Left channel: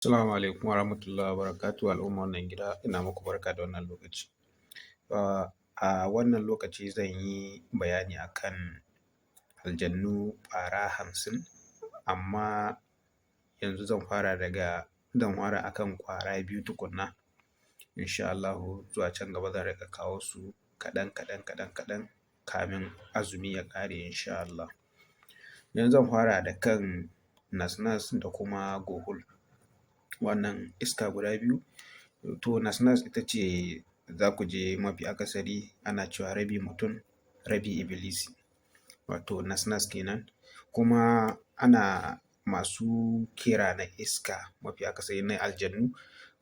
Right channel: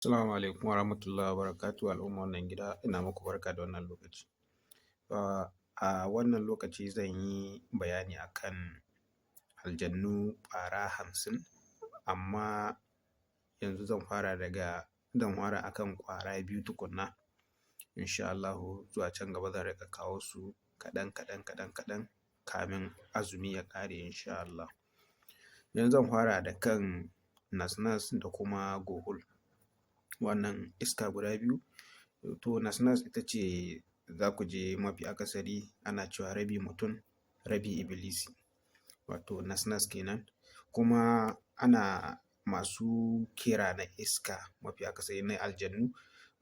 Assalamu alaikum wa rahmatullahi wa barakatuhu al'umma wannan gida ina muku barka da wannan lokaci. A wannan lokaci zan yi bayani akan aljannu ƙwara 50 amma yanzu zan fara akan ƙwara 2 tukunna. Insha Allahu zuwa can gaba zan riƙa kawo su kaɗan kamin azumi ya ƙare insha Allah. Yanzu zan fara da kan nas-nas da kuma gohul. Wannan iska guda biyu, to nas-nas ita ce za ku je mafi akasari ana cewa rabi mutum rabi ibilisi, wato nas-nas kenan. Kuma ana masu kira na iska mafi akasari na aljannu,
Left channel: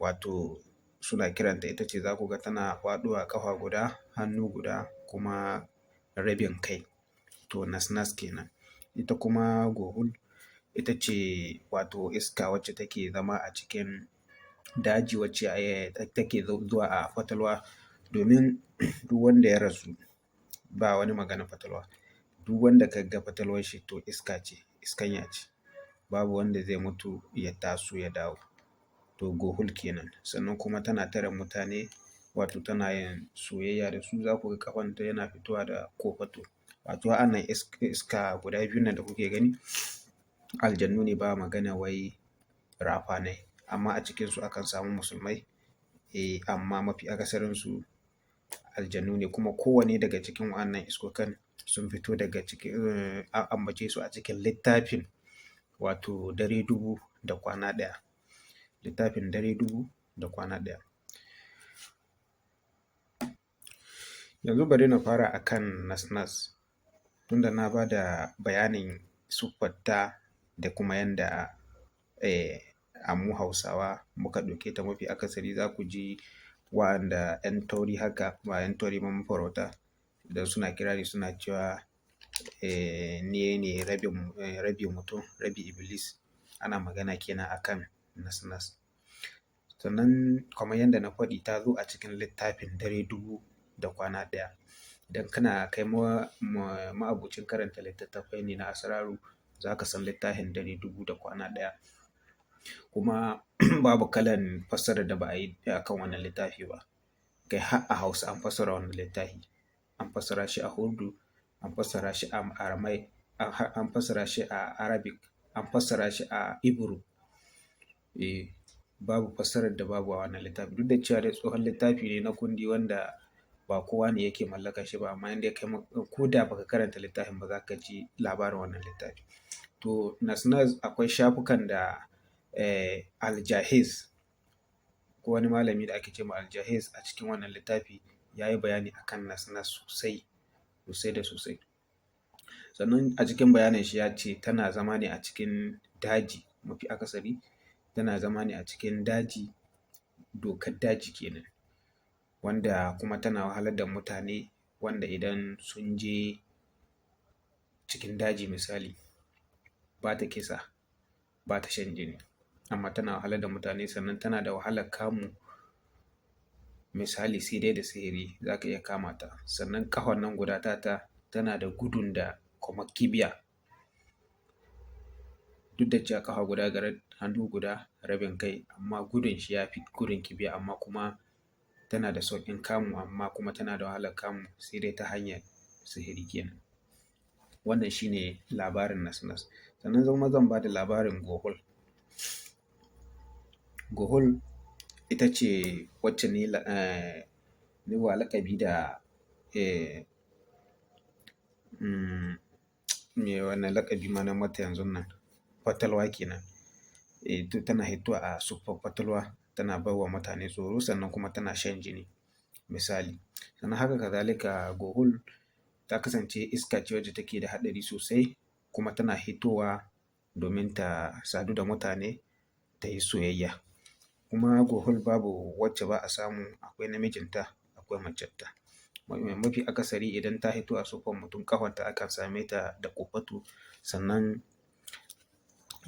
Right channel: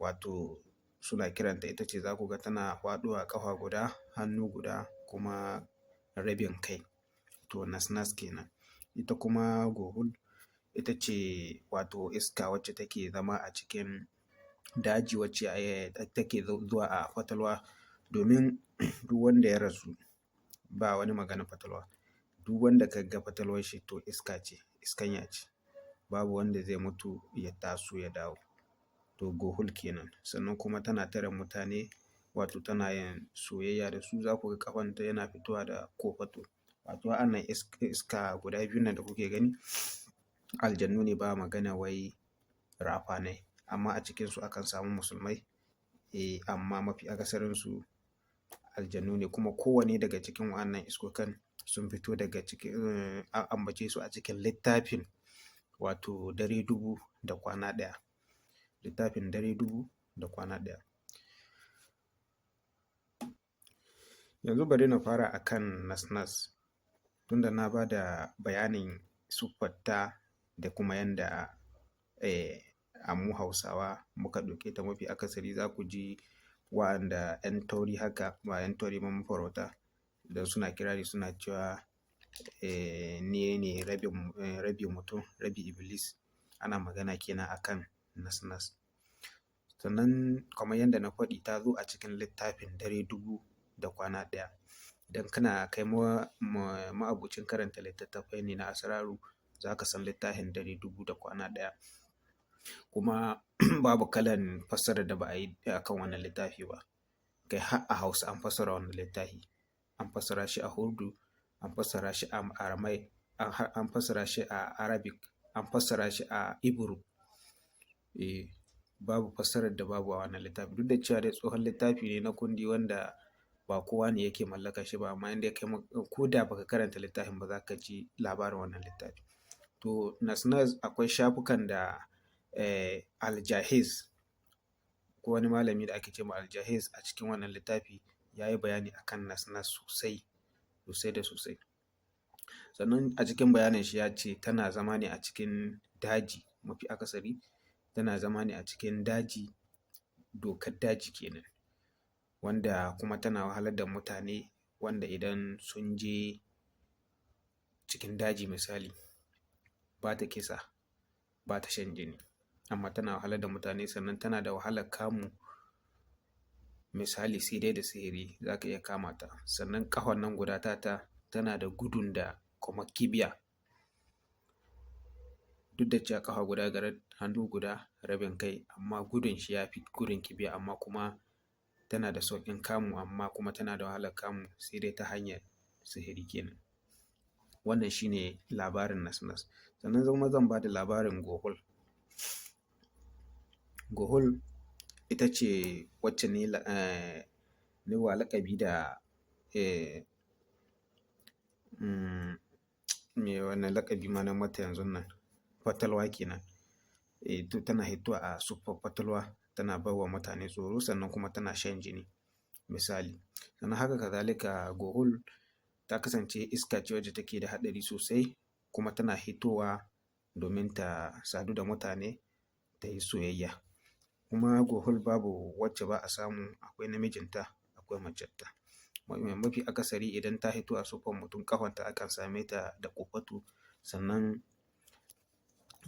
wato suna kiranta ita ce za ku ga tana faɗowa ƙafa guda, hannu guda kuma rabin kai, to nas-nas kenan. Ita kuma gohul ita ce wato iska wacce take zama a cikin daji wacce take zuwa a fatalwa, domin duk wanda ya rasu ba wani maganar fatalwa. Duk wanda ka ga fatalwar shi to iska ce, iskanya ce. Babu wanda zai mutu ya taso ya dawo. To gohul kenan. Sannan kuma tana tare mutane, wato tana yin soyayya da su, za ku ga ƙafanta yana fitowa da kofato. Wato wa'annan iska guda biyun nan da kuke gani aljannu ne, ba magana wai rafanai. Amma a cikinsu akan samu musulmai, amma mafi akasarinsu aljannu ne. Kuma kowane daga cikin wa'annan iskokan sun fito daga cikin an ambace su a cikin littafin wato dare dubu da kwana ɗaya. Littafin dare dubu da kwana ɗaya. Yanzu bari na fara akan nas-nas, tunda na ba da bayanin siffarta da kuma yanda mu Hausawa muka ɗauke ta mafi akasari. Za ku ji wa'anda 'yan tauri haka, ba 'yan tauri ba, mafarauta da suna kirari suna cewa ni ne rabi mutum rabi iblis. Ana magana kenan akan nas-nas. Sannan kamar yadda na faɗi ta zo a cikin littafin dare dubu da kwana ɗaya. Idan kana kai ma'abocin karanta littattafai ne na asraru, za ka san littafin dare dubu da kwana ɗaya. Kuma babu kalan fassarar da ba a yi akan wannan littafi ba. Kai har a Hausa an fassara wannan littafi. An fassara shi a Urdu, an fassara shi a Aramai, an fassara shi a Arabic, an fassara shi a Hebrew. Babu fassarar da babu a wannan littafi. Duk da cewa dai tsohon littafi ne na kundi wanda ba kowa ne yake mallaka shi ba, amma inda kai ko da baka karanta littafin ba za ka ji labarin wannan littafi. To nas-nas akwai shafukan da Al-Jahiz, ko wani malami da ake ce ma Al-Jahiz, a cikin wannan littafi ya yi bayani akan nas-nas sosai da sosai. Sannan a cikin bayanin shi ya ce tana zama ne a cikin daji mafi akasari. Tana zama ne a cikin daji, dokar daji kenan, wanda kuma tana wahalar da mutane, wanda idan sun je cikin daji misali, ba ta kisa, ba ta shan jini, amma tana wahalar da mutane. Sannan tana da wahalar kamu, misali sai dai da sihiri za ka iya kama ta. Sannan ƙahon nan guda tana da gudun da kuma kibiya. Duk da cewa ƙafa guda gare, hannu guda rabin kai, amma gudun shi ya fi gudun kibiya, amma kuma tana da sauƙin kamu, amma kuma tana da wahalar kamu sai dai ta hanyar sihiri kenan. Wannan shi ne labarin nas-nas. Sannan zan ba da labarin gohul. Gohul ita ce wacce ni wa laƙabi da me wannan laƙabi ma na mata yanzun nan, fatalwa kenan. To tana hitowa a siffar fatalwa, tana bai wa mutane tsoro, sannan kuma tana shan jini misali. Sannan haka kazalika gohul ta kasance iska ce wacce take da haɗari sosai, kuma tana hitowa domin ta sadu da mutane ta yi soyayya. Kuma gohul babu wacce ba a samu, akwai namijinta akwai macenta. Mafi akasari idan ta hito a siffar mutum, ƙafanta akan same ta da kofato, sannan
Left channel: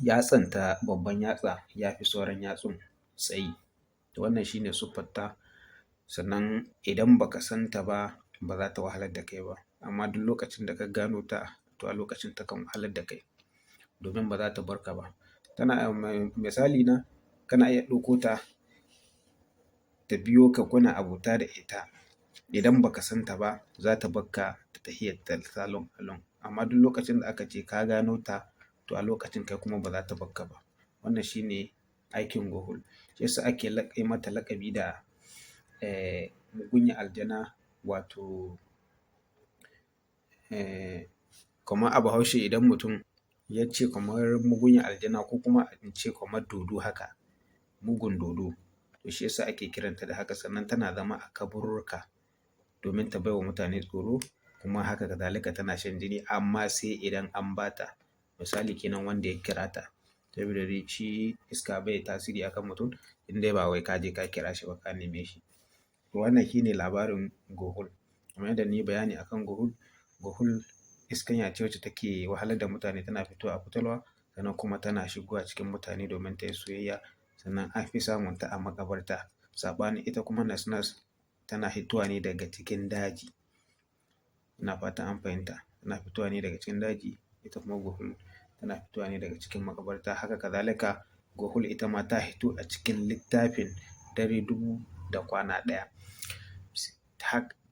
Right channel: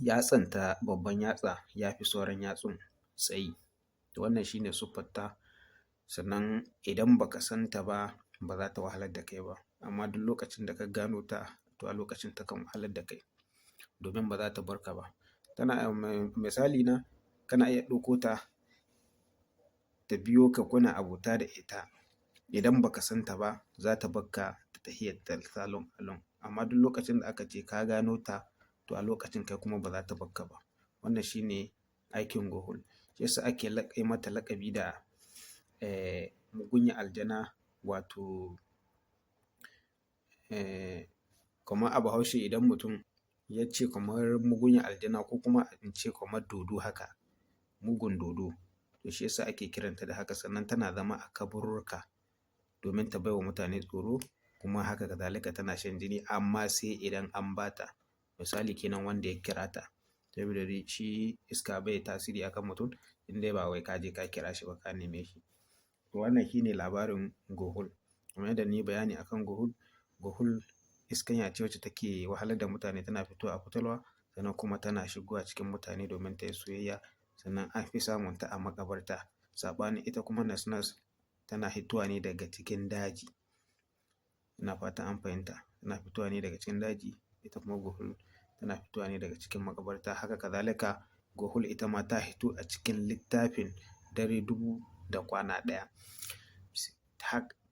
yatsanta, babban yatsa ya fi sauran yatsun tsayi. Wannan shi ne siffarta. Sannan idan baka san ta ba, ba za ta wahalar da kai ba, amma duk lokacin da ka gano ta, to a lokacin takan wahalar da kai, domin ba za ta bar ka ba. Tana misali na, kana iya ɗauko ta ta biyo ka kuna abota da ita. Idan baka san ta ba za ta bakka da tahiyarta salon alon. Amma duk lokacin da aka ce ka gano ta to a lokacin kai kuma ba za ta bakka ba. Wannan shine aikin gohul. Shi yasa ake yi mata laƙabi da mugunyar aljana, wato kamar a Bahaushe idan mutum ya ce kamar mugunyar aljana ko kuma in ce kamar dodo haka, mugun dodo. To shi yasa ake kiranta da haka. Sannan tana zama a kaburruka domin ta baiwa mutane tsoro, kuma haka kazalika tana shan jini amma sai idan an ba ta. Misali kenan wanda ya kira ta. Saboda dai shi iska bai tasiri akan mutum in dai ba wai ka je ka kira shi ba ka neme shi. To wannan shine labarin gohul. Kamar yadda na yi bayani akan gohul, gohul iskanya ce wacce take wahalar da mutane, tana fitowa a fatalwa sannan kuma tana shigowa cikin mutane domin ta yi soyayya. Sannan an fi samun ta a maƙabarta. Saɓanin ita kuma nas-nas tana hitowa ne daga cikin daji. Ina fatan an fahimta. Tana fitowa ne daga cikin daji. Ita kuma gohul tana fitowa ne daga cikin maƙabarta. Haka kazalika gohul ita ma ta hito a cikin littafin Dare Dubu da Kwana Ɗaya.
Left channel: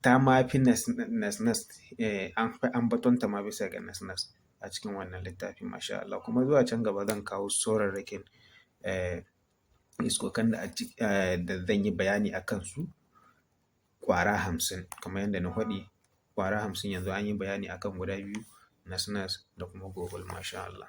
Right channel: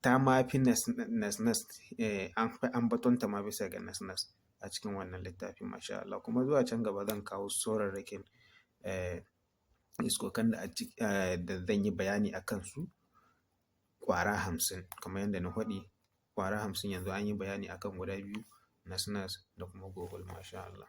Ta ma fi nas-nas, an fi ambatonta ma bisa ga nas-nas a cikin wannan littafin, masha Allah. Kuma zuwa can gaba zan kawo saurarrakin iskokan da zan yi bayani a kansu ƙwara 50. Kamar yadda na faɗi, ƙwara 50 yanzu an yi bayani akan guda biyu, nas-nas da kuma gohul, masha Allah.